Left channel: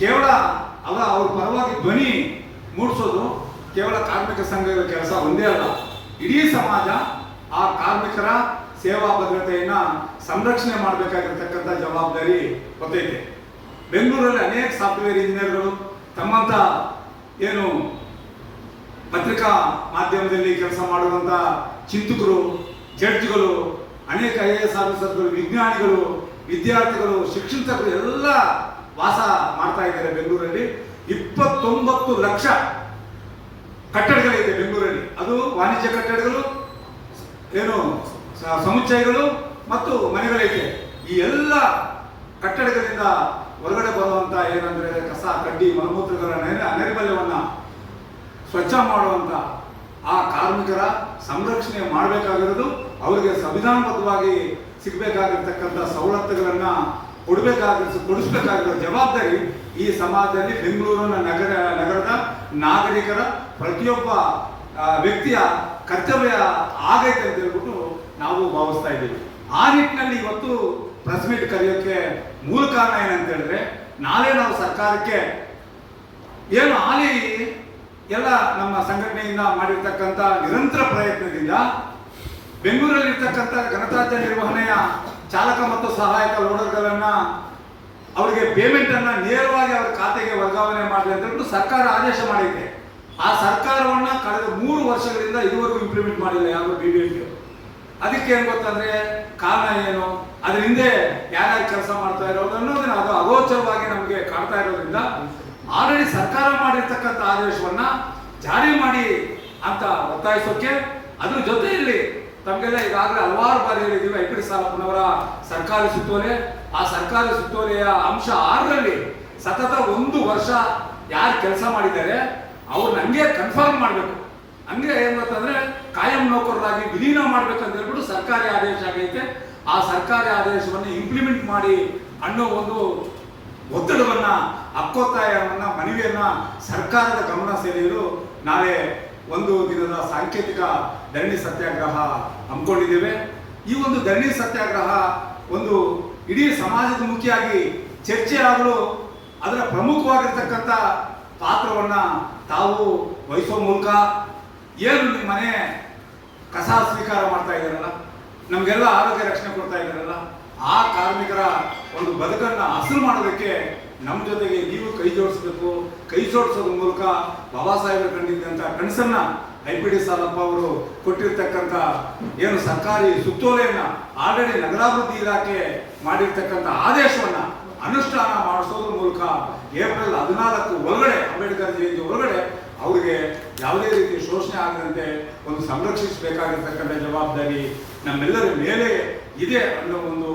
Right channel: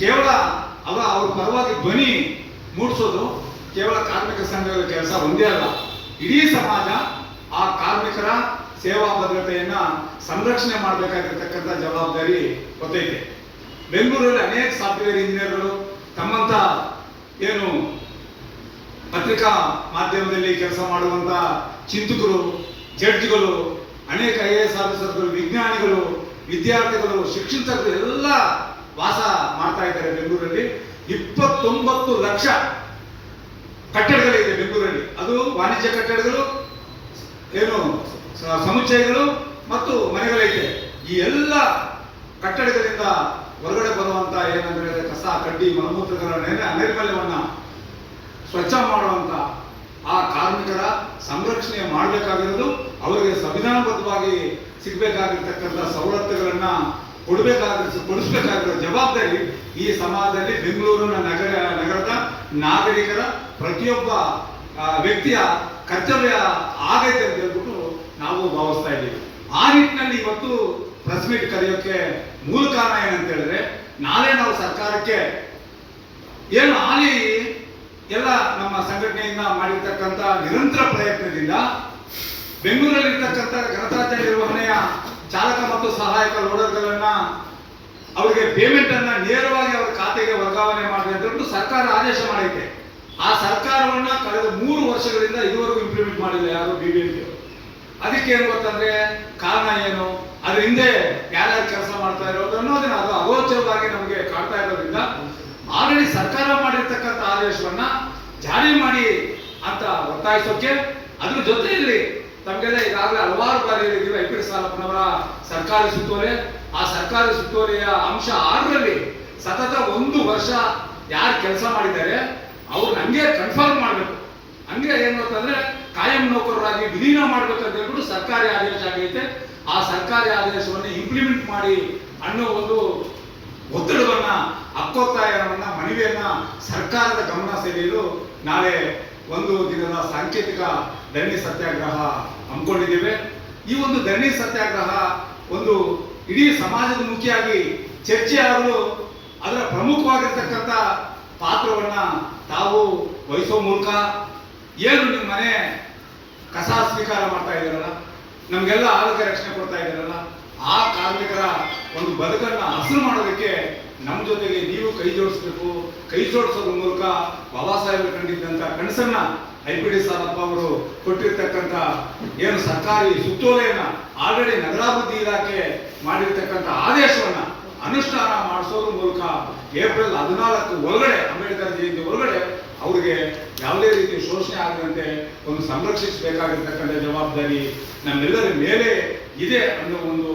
ಕೇವಲ ಅವ್ರ ಪರವಾಗಿ ಧ್ವನಿ ಮೂಡಿಸೋದು ಕೇವಲ ಕಾರ್ಮಿಕ ಸಂಘದ ಕೆಲಸ ಒಂದೇ ಅಲ್ಲ. ಇಡೀ ಸಮಾಜ ಆ ಕಾರ್ಮಿಕರ ಸೇವಾ ಭದ್ರತೆಯನ್ನ ಸಂರಕ್ಷಣೆ ಮಾಡಬೇಕಾಗಿರ್ತಕ್ಕಂಥ ಜವಾಬ್ದಾರಿ ಗೊತ್ತೈತೆ. ಬೆಂಗಳೂರಲ್ಲಿ ಅನೇಕ ಸಾಫ್ಟ್ವೇರ್ ಇಂಜಿನಿಯರ್ಗಳು ತಮ್ಮಂತ ಏನು ಪತ್ರಿಕಾ ಮಾಧ್ಯಮದಲ್ಲಿ ಕೆಲಸ ಮಾಡುವಂತ ಚಿಂತಕರು, ಜಡ್ಜ್ಗಳು, ಅನೇಕ IAS ಆಫೀಸರ್ಗಳು, ವಿಜ್ಞಾನಿಗಳು, ವಿದ್ಯಾರ್ಥಿಗಳು, ಶಿಕ್ಷಕರು ಎಲ್ಲ ವಾಸ ಮಾಡ್ತಾ ಇದ್ದಾರೆ ಬೆಂಗಳೂರಲ್ಲಿ. 29 ಲಕ್ಷ ಕಟ್ಟಡಗಳಿದೆ ಬೆಂಗಳೂರಲ್ಲಿ. ಅದು ವಾಣಿಜ್ಯ ಕಟ್ಟಡಗಳು, ಏನು ಸಮುಚ್ಚಯಗಳು ಮತ್ತು ಮನೆಗಳೈತೆ. ಈ ಎಲ್ಲ ಕಟ್ಟಡಗಳಿಂದ ಹೊರಗಡೆ ಬರುವಂತ ಏನಂದ್ರೆ ಕಸ, ಕಡ್ಡಿ, ಮಲಮೂತ್ರಗಳ ನೈರ್ಮಲ್ಯವನ್ನ ಸ್ವಚ್ಛ ಮಾಡುವಂತ ಆ ಕಾರ್ಮಿಕರ ಸಂರಕ್ಷಣೆ ಮಾಡಬೇಕಾಗಿರೋದು, ಅವರಿಗೆ ಸಂವಿಧಾನಬದ್ಧವಾಗಿ ಸಿಗಬೇಕಾಗಿರ್ತಕ್ಕಂಥ ಸವಲತ್ತುಗಳನ್ನ ಕೊಡಿಸಬೇಕಾಗಿರೋ ಜವಾಬ್ದಾರಿ ಈ ಸಮಾಜದಲ್ಲಿ ಬೆಂಗಳೂರಿನ ನಗರದ ನಾಗರಿಕರ ಪ್ರತಿಯೊಬ್ಬ ವ್ಯಕ್ತಿಯ ಕರ್ತವ್ಯ ಆಗೈತೆ ಅಂತ ಹೇಳ್ಬಿಟ್ಟು ನಾವು ಭಾವಿಸ್ತಾ ಇದ್ದೀವಿ. ಆ ನಿಟ್ಟಿನಲ್ಲಿ ಇವತ್ತು ಪ್ರೆಸ್ ಮೀಟ್ ಕರೆಯೋಕೆ ಮೂಲ ಕಾರಣ ಏನಂತ ಹೇಳಿದ್ರೆ, ನಾಳೆ ನಾವು ಸರ್ಕಾರಕ್ಕೆ ಏನು ಹಾಲಿ ಎಲ್ಲ ನಮ್ಮ ಸಂಘಟನೆಯಿಂದ ಮಾಡಿರ್ತಕ್ಕಂಥ ನಿರಂತರ ಪ್ರಯತ್ನದಿಂದ ಬೆಂಗಳೂರಲ್ಲಿರ್ತಕ್ಕಂಥ ಘನತ್ಯಾಜ್ಯ ನಿರ್ವಹಣೆಯ ಚಾಲಕ ಮತ್ತು ಸಹಾಯಕ ಲೋಡರ್ಗಳನ್ನ ಅವರಿಗೆ ಪೇಮೆಂಟ್ ಅನ್ನ ನೇರವಾಗಿ ಅವರ ಖಾತೆಗೆ ವರ್ಗಾವಣೆ ಮಾಡಿ ಅಂತ ಹೇಳ್ಬಿಟ್ಟು ಸರ್ಕಾರ ಆದೇಶ ಮಾಡೈತೆ. ಆ ಸರ್ಕಾರವನ್ನ ಕಳೆದ 3 ವರ್ಷಗಳಿಂದ ಇದುವರೆಗೂ ಇಂಪ್ಲಿಮೆಂಟ್ ಮಾಡಿಲ್ಲ ಯಾರು BBMP. ಅದಕ್ಕೆ ಏನ್ ಗೊತ್ತಂದ್ರೆ ಕಾರಣ ಏನು, ಅದ್ರ ಹಿಂದೆ ಯಾರ್ಯಾರು ಕೆಲಸ ಮಾಡ್ತಾ ಇರೋದು ಅನ್ನೋದನ್ನ ಅದು ಅಗೋಚರವಾಗಿ ನಮಗೆ ಕಾಡ್ತಾ ಇರೋದ್ರಿಂದ ಆಲ್ರೆಡಿ ಸರ್ಕಾರ ಮಾಡಿರ್ತಕ್ಕಂಥ ಆದೇಶವನ್ನ ಜಾರಿ ಮಾಡಿ ಅಂತ ಒತ್ತಾಯಿಸೋಕೆ, ಅದ್ರ ಜೊತೆಯಲ್ಲಿ ತಮಗೆಲ್ಲ ಈಗಾಗಲೇ ಹಲವಾರು ಬಾರಿ ಹೇಳಿದ್ದೀವಿ, IPD ಸಾಲಪ್ಪನವರ ಸರ್ಕಾರಿ ಸುತ್ತೋಲೆ, ಆ ಸರ್ಕಾರಿ ಸುತ್ತೋಲೆಯ ಅಂಶ 6ರಲ್ಲಿ ಸತತ 1 ವರ್ಷ ಯಾರು ಕೆಲಸ ಮಾಡಿದ್ದಾರೆ ಅವ್ರನ್ನ ಹಂಗೆ ಕನ್ಫರ್ಮ್ ಮಾಡಬೇಕು, ಹಂಗೆ ಏನು ಅಂತಂದ್ರೆ ಕಾಯಂ ನೌಕರರಾಗಿ ವಿಲೀನ ಮಾಡ್ಬೇಕು ಅಂತ ಹೇಳ್ಬಿಟ್ಟು ಸರ್ಕಾರಿ ಆದೇಶ ಆಗೈತೆ. ಆ ಸರ್ಕಾರಿ ಆದೇಶವನ್ನು ಇಂಪ್ಲಿಮೆಂಟ್ ಮಾಡಿ ಅನ್ನೋ ಒಂದು ಒತ್ತಡವನ್ನ, ಹಕ್ಕೊತ್ತಾಯವನ್ನ, ಮನವಿಯನ್ನ ಸರ್ಕಾರದ ಗಮನ ಸೆಳೆಯಲು ನಾಳೆ 1 ದಿನದ ಸಾಂಕೇತಿಕ ಧರಣಿ ಸತ್ಯಾಗ್ರಹ ಹಮ್ಮಿಕೊಂಡಿದ್ದೇವೆ. ಈ ಒಂದು ಧರಣಿ ಸತ್ಯಾಗ್ರಹ ಒಂದು ಇಡೀ ಸಮಾಜದ ಮುಖಿಯಾಗಿ ಚರ್ಚೆ ಆಗಲು ಅದರ ಪ್ರಮುಖವಾಗಿರ್ತಕ್ಕಂಥ ಪಾತ್ರವನ್ನ ತಾವು ವಹಿಸೋ ಮೂಲಕ, ಏನು ನಿಮ್ಮ ಮನೆ ಕಸ ಸ್ವೀಕಾರ ಮಾಡ್ತಾ ಇದ್ದಾರಲ್ಲ, ನಮಗೆಲ್ಲ ಆರೋಗ್ಯ ರಕ್ಷಣೆ ಕೊಡ್ತಾ ಇದ್ದಾರಲ್ಲ, ಆ ಕಾರ್ಮಿಕರ ಒಂದು ಬದುಕನ್ನ ಹಸಿರು ಮಾಡೋದಕ್ಕೆ ನಮ್ಮ ಜೊತೆಗೆ ನೀವು ಕೈ ಜೋಡಿಸ್ಬೇಕು. ಕೈ ಜೋಡಿಸೋದ್ರ ಮೂಲಕ ಬಾಬಾ ಸಾಹೇಬರು ಕಂಡಿದ್ದಂತ ಕನಸನ್ನ IPD ಸಾಲಪ್ಪ ಅವರು ಕೊಟ್ಟಿರ್ತಕ್ಕಂಥ ಏನು ಸರ್ಕಾರಿ ಸುತ್ತೋಲೆಯನ್ನ ಆಲ್ರೆಡಿ ನಗರಾಭಿವೃದ್ಧಿ ಇಲಾಖೆ ಮಾಡಿರ್ತಕ್ಕಂಥ ಆದೇಶವನ್ನ ಅನುಷ್ಠಾನ ಮಾಡಿಸೋದ್ರ ಮೂಲಕ ಏಪ್ರಿಲ್ 14 ಒಳಗಡೆ, ಅಂಬೇಡ್ಕರ್ ಜಯಂತಿ ಒಳಗಡೆ ಅವರಿಗೆ ಯಾವುದೇ ರೀತಿ ಶೋಷಣೆ ಆಗದಂತೆ ಒಂದು ಸಂರಕ್ಷಿಸಬೇಕಾಗಿರ್ತಕ್ಕಂಥ ಜವಾಬ್ದಾರಿ ನಮ್ಮೆಲ್ಲರ ಮೇಲೆ ಇದೆ ಅನ್ನೋ ಒಂದು